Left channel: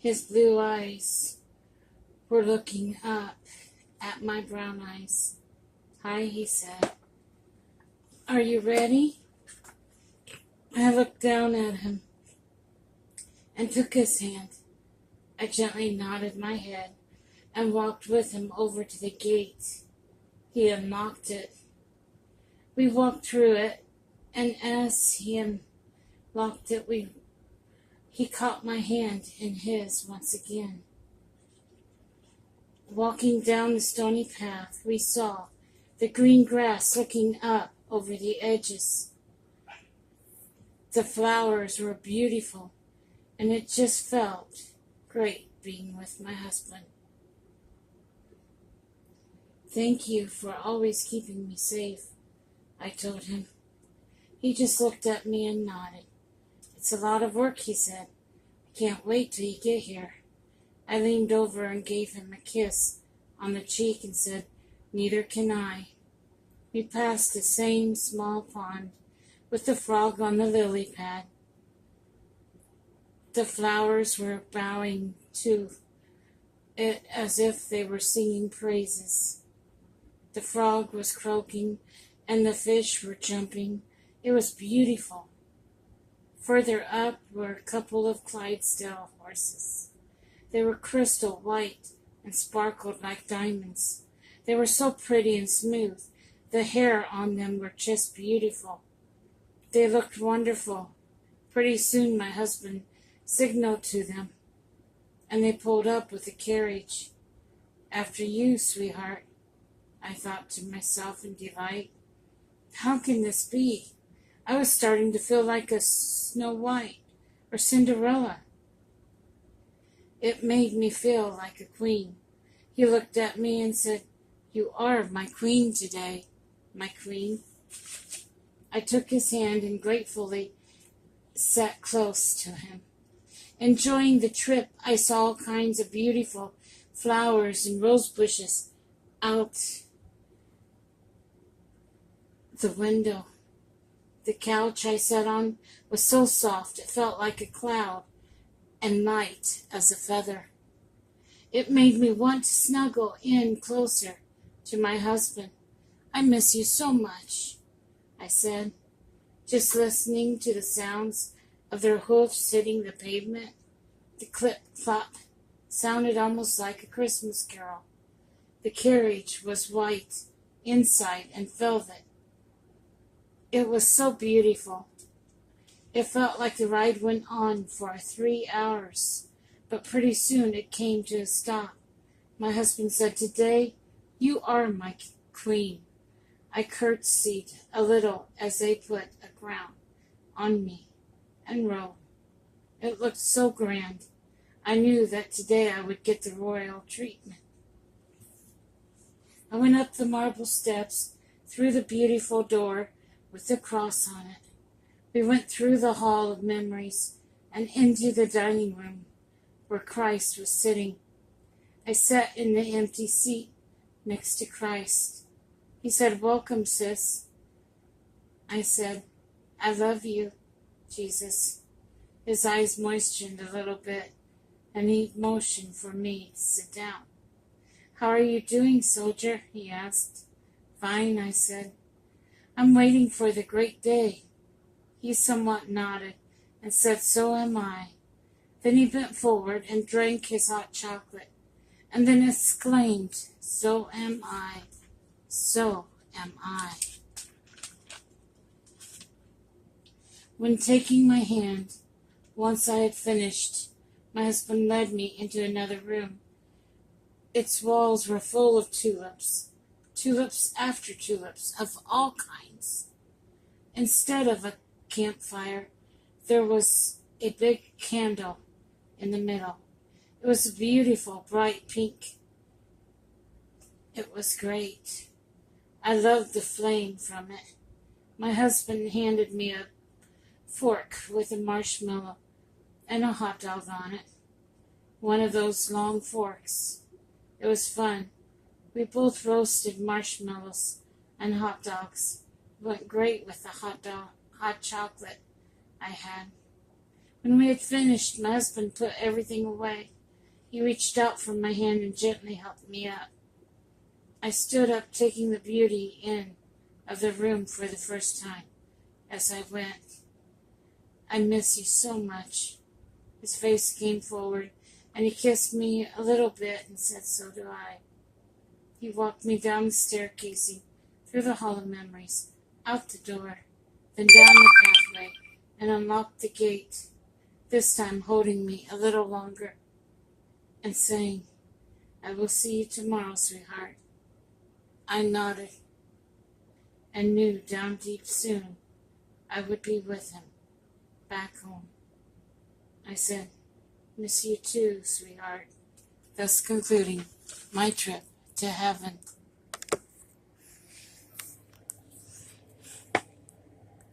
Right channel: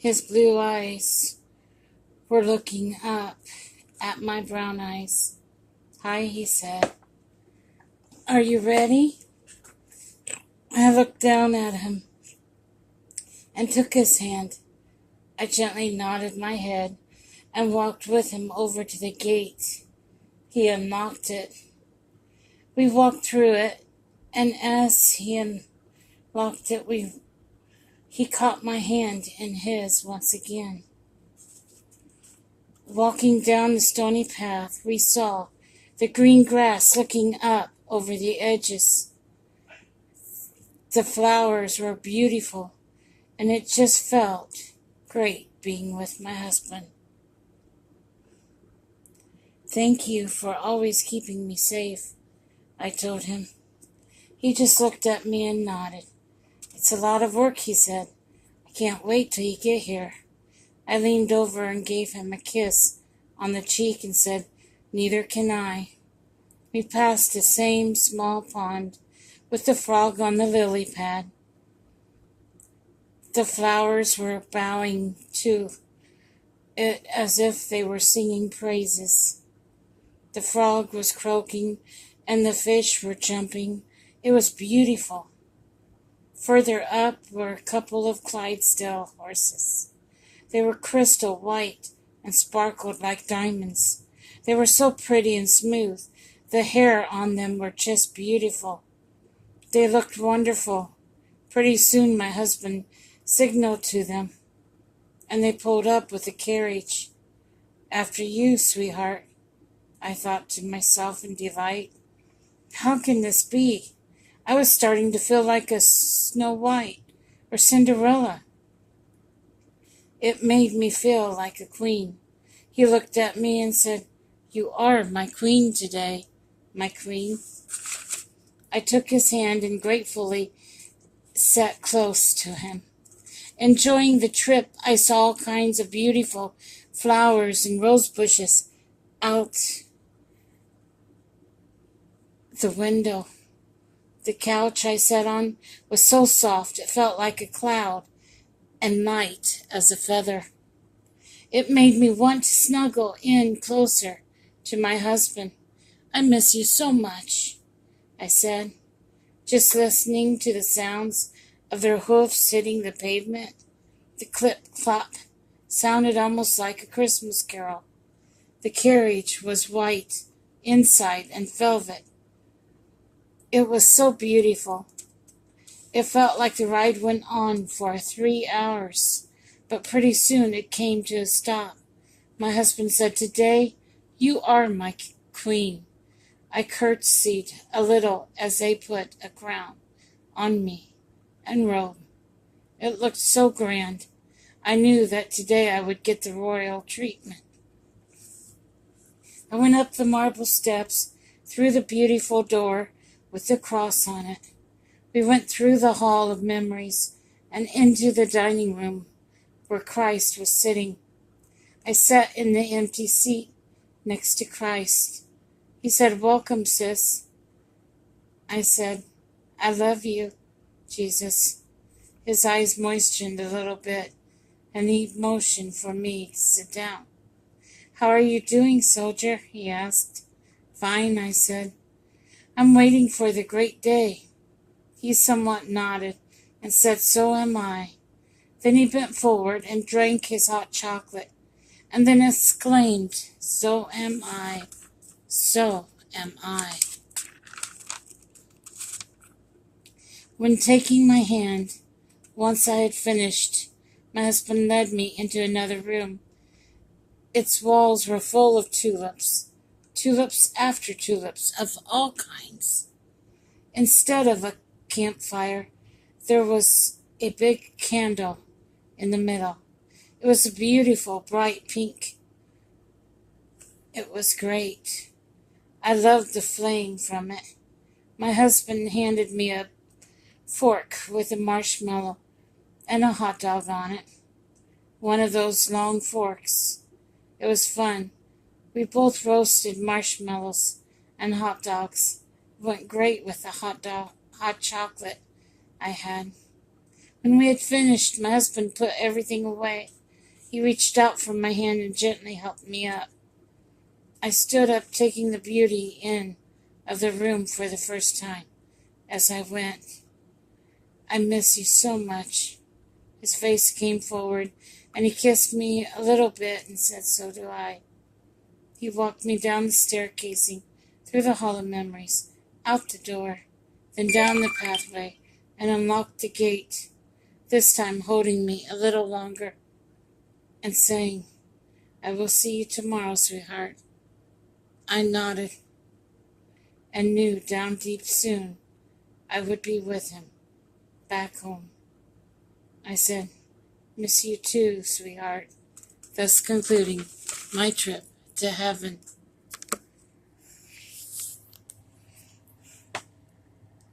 His blue eyes were looking up at my brown eyes. "Hi," he said. "Are you ready?" I looked down at him and took his hand. I gently nodded my head and walked with him over to the gate. He unlocked it. We walked through it, and as he unlocked it, he caught my hand in his once again. Walking down the stony path, we saw the green grass looking up over the edges. The flowers were beautiful, and it just felt great being with my husband. "Thank you for always keeping me safe," I told him. He just looked at me and nodded. "It's a lot of work," he said. "I can't wait till you get here." I leaned over and gave him a kiss on the cheek and said, "Neither can I." We passed the same small pond with the frog on the lily pad. The flowers were bowing to it as if they were singing praises. The frog was croaking and the fish were jumping. It was beautiful. Further up were a couple of Clydesdale horses. They were crystal white and sparkled like diamonds. They were so pretty and smooth. The hair on them were just beautiful. They looked wonderful. Pretty soon my husband signaled to them, and they pulled up with the carriage. "After you, sweetheart," I thought to myself in delight. How can this be? I was starting to feel like a Snow White or Cinderella. It made me feel like a queen. He looked at me and said, "You are my queen today, my queen." I took his hand and gratefully sat close to him. Enjoying the trip, I saw all kinds of beautiful flowers and rose bushes out the window. The couch I sat on was so soft it felt like a cloud and light as a feather. It made me want to snuggle in closer to my husband. "I miss you so much," I said, just listening to the sounds of their hoofs hitting the pavement. The clip-clop sounded almost like a Christmas carol. The carriage was white inside and velvet. It was so beautiful. It felt like the ride went on for 3 hours, but pretty soon it came to a stop. My husband said, "Today, you are my queen." I curtsied a little as they put a crown on me and robe. It looked so grand. I knew that today I would get the royal treatment. I went up the marble steps, through the beautiful door with the cross on it. We went through the hall of memories and into the dining room where Christ was sitting. I sat in the empty seat next to Christ. He said, "Welcome, sis." I said, "I love you, Jesus." His eyes moistened a little bit, and he motioned for me to sit down. "How are you doing, soldier?" he asked. "Fine," I said. "I'm waiting for the great day." He somewhat nodded and said, "So am I." Then he bent forward and drank his hot chocolate, and then exclaimed, "So am I. So am I." When taking my hand, once I had finished, my husband led me into another room. Its walls were full of tulips, tulips after tulips of all kinds. Instead of a campfire, there was a big candle in the middle. It was a beautiful, bright pink. It was great. I loved the flame from it. My husband handed me a fork with a marshmallow and a hot dog on it. One of those long forks. It was fun. We both roasted marshmallows and hot dogs. It went great with the hot chocolate I had. When we had finished, my husband put everything away. He reached out for my hand and gently helped me up. I stood up, taking the beauty in of the room for the first time. As I went, I miss you so much. His face came forward, and he kissed me a little bit and said, so do I. He walked me down the staircasing, through the hall of memories, out the door, then down the pathway, and unlocked the gate, this time holding me a little longer and saying, I will see you tomorrow, sweetheart. I nodded and knew down deep soon I would be with him, back home. I said, miss you too, sweetheart, thus concluding my trip to heaven.